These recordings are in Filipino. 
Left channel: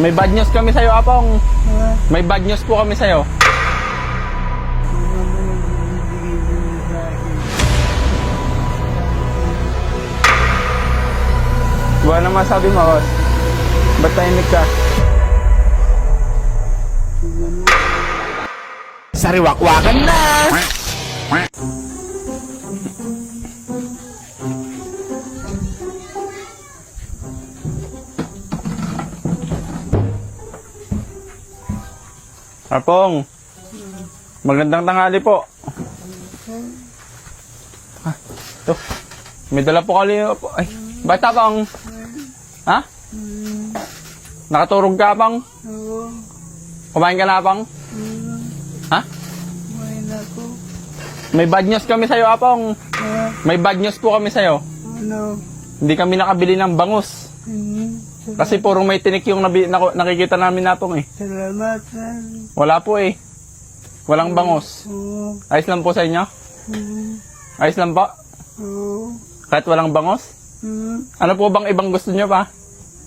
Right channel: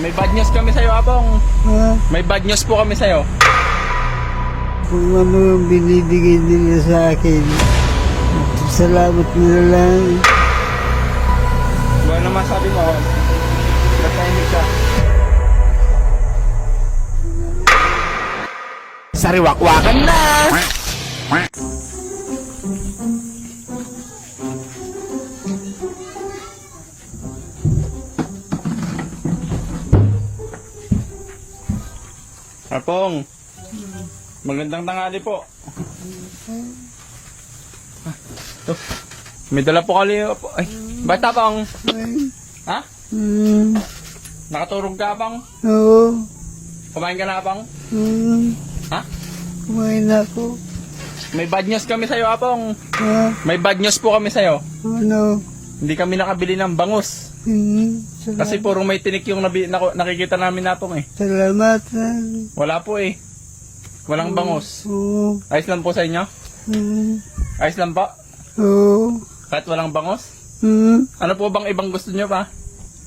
May bad news kami sa'yo, Apong. Ha? May bad news po kami sa'yo. Kung ano yung binibigay nila sa akin, salamat nila lang. Buwan naman sabi mo, boss. Ba't tahimik ka? Sariwakwakan na! Apong, magandang tanghali po. Ito, may dala po kali. Ay, bata pang. Ha? Nakaturog ka pang? Oo. Kumain ka na pang? Ha? Kumain ako. May bad news kami sa'yo, Apong. Ha? May bad news po kami sa'yo. Ano? Hindi kami nakabili ng bangus. Kasi puro may tinik yung nakikita namin, Apong eh. Salamat. Wala po eh. Walang bangus. Oo. Ayos lang po sa inyo? Ayos lang po? Oo. Kahit walang bangus? Ano po bang ibang gusto nyo pa?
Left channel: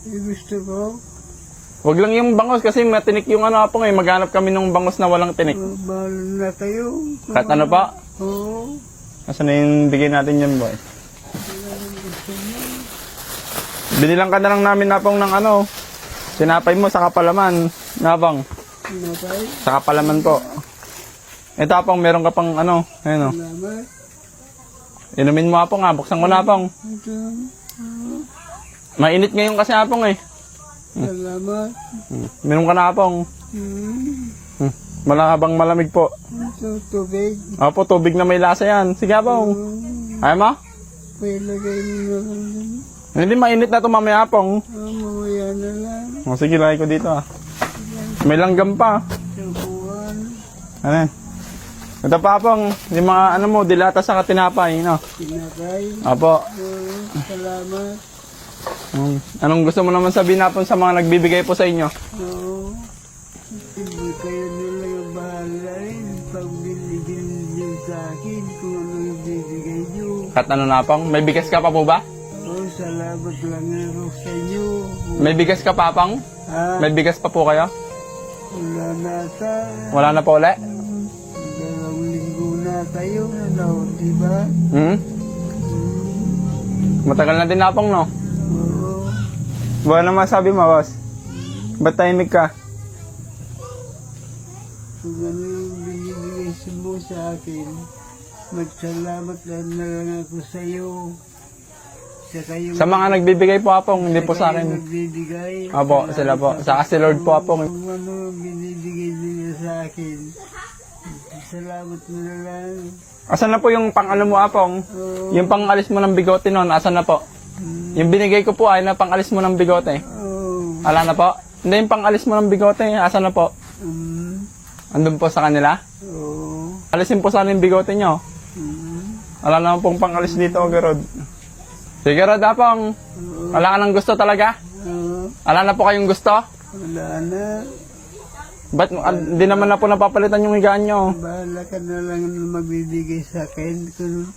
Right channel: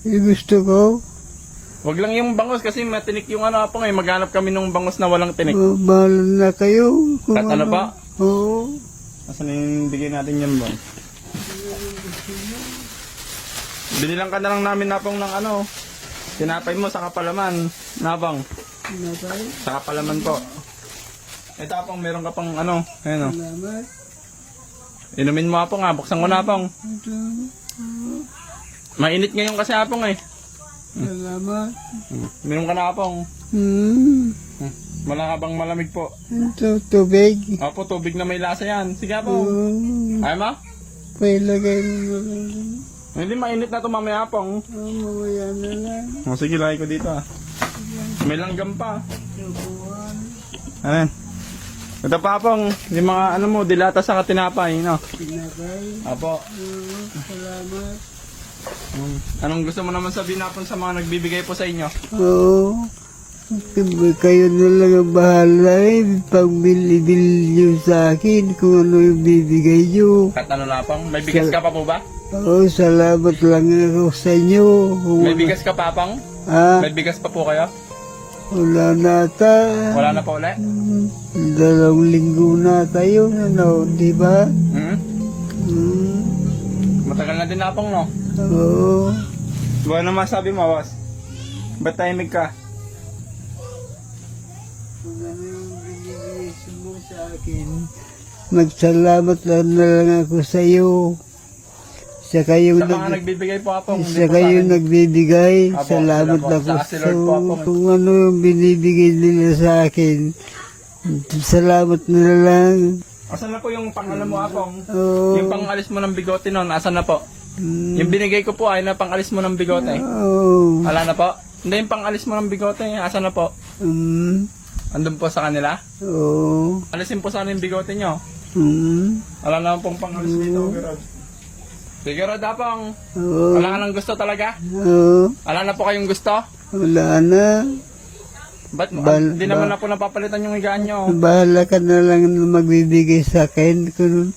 Gusto ko. Wag lang yung bangus kasi natinik yung ano, Apong eh. Maghanap kami ng bangus na walang tinik. Bahala na kayo. Kahit ano pa? Oo. Nasaan na yung bigay natin yan, boy? Binilang ka na lang namin, Napong, ng ano. Sinapay mo sa kapalaman. Napang. Napay. Sa kapalaman po. Ito, Apong, meron ka pang ano. Ayun o. Salamat. Inumin mo, Apong, ha. Buksan ko na, Apong. Okay. Mainit ngayon kasi, Apong, eh. Salamat. Meron ka na, Apong. Malakabang malamig po. Ito, tubig. Apo, tubig na may lasa yan. Sige, Apong. Ay, ma? May lagay mo. Hindi, mainit na ito, mamaya, Apong. Mamaya na lang. O, sige, lagay ko dito, ah. May langgam pa. Tungkuhan. Ano yan? Ito pa, Apong. Yung mga, ano mo, dilata sa katinapay, no? Pinakay. Apo. Salamat. Anong gusto mo naman sabihin, Apong, sa mga nagbibigay po sa inyo? Oo. Kayo na lang ang bahala eh. Pag bilibili nyo sa akin kung ano yung bibigay nyo. At ano na, Apong? May bigas ka pa po ba? Oo, salamat lang ako sa inyo. May bigas ka pa, Apong? Ha? May bigas pa po kayo? Wala na ata. Wala na po ulit? 2 linggo na tayo, ano, di ba? Matagal na din, Apong, no? Oo. Buwan naman sabi mo, boss. Ba't tahimik ka? Kung ano yung binibigay mo sa akin, magsalamat lang na lang ako sa iyo. Saka yung Sa mga nagbibigay po, Apong, hindi po saka sa yung akin. nagbibigay, Apo, sila salamat po. lang Sa si Lord po, Apong. Kung ano yung binibigay nila sa akin, salamat na lang. Asan na po yung pang-ano mo, Apong? Oo. Yung pang-alis mo ng bigote noon, asan na po? Yung binigay ko po ay na pang-alis mo ng bigote. Oo. Ala na po? Hindi, yung pang-alis mo ng bigote, asan na po? Andun po sa kanila? Oo. Alisin po sana yung bigote nyo. Wala naman pong pang-alis dito, Gerod. Sige, Gerod, Apong. Oo. Wala ka nang gusto talaga? Oo. Wala na po kayong gusto? Wala na. Ba't hindi naman na po napapalitan yung higaan nyo? Bahala ka na lang na magbibigay sa akin. Kung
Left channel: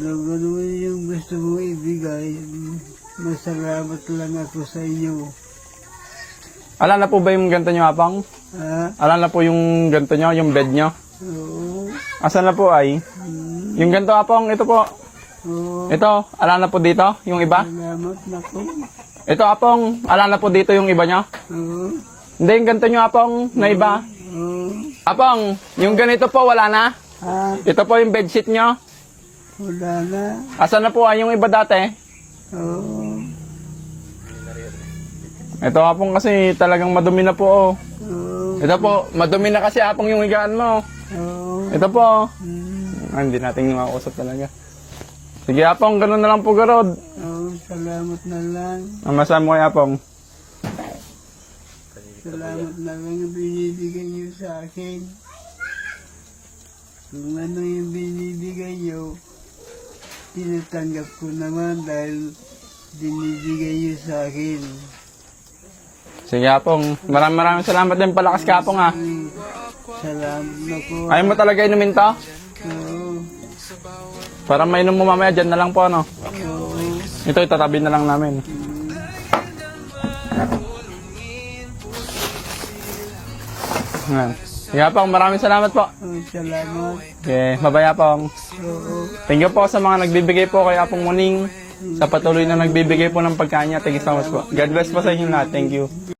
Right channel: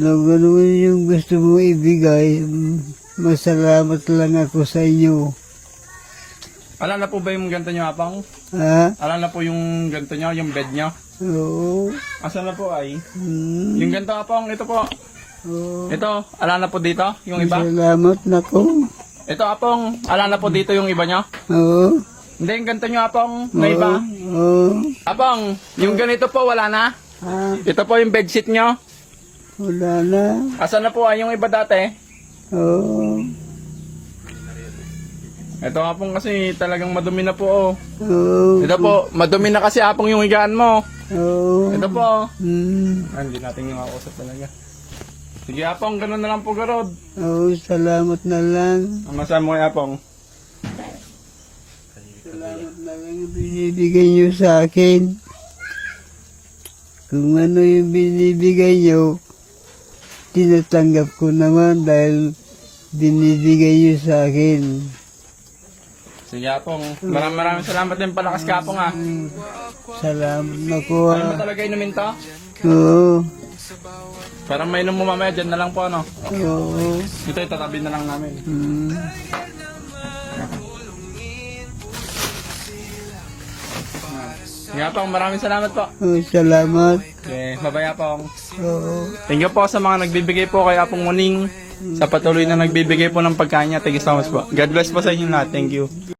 ano yung gusto mo ibigay, masalamat lang ako sa inyo. Ala na po ba yung ganto nyo, Apong? Ha? Ala na po yung ganto nyo, yung bed nyo? Oo. Asan na po ay? Yung ganto, Apong, ito po. Oo. Ito, ala na po dito, yung iba? Salamat na ko. Ito, Apong, ala na po dito yung iba nyo? Oo. Hindi, yung ganito nyo, Apong, na iba. Oo. Apong, yung ganito po, wala na. Ha? Ito po yung bedsheet nyo. Wala na. Asan na po ay yung iba dati? Oo. Ito, Apong, kasi talagang madumi na po. Oh. Oo. Ito po, madumi na kasi, Apong, yung higaan mo. Oo. Ito po. Hmm. Hindi natin makausap talaga. Sige, Apong, ganun na lang po, Garod. Oo, salamat na lang. Ang masama mo kay Apong. Salamat na lang yung binibigay nyo sa akin. Kung ano yung binibigay nyo, tinatanggap ko naman dahil binibigay nyo sa akin. Sige, Apong. Maraming salamat din. Palakas ka, Apong, ha. Salamat na po. Ayaw mo talaga inumin to? Oo. Para mainom mo mamaya, dyan na lang po, ano. Oo. Ito, itatabi na lang namin. Ah. Nga po, maraming salamat po. Salamat. Okay, mabaya po. Thank you po sa mga nagbibigay po kay Apong Muning, sa patuloy na nagbibigay po ng pagkain niya. Thank you so much po. God bless po sa inyo lahat. Thank you.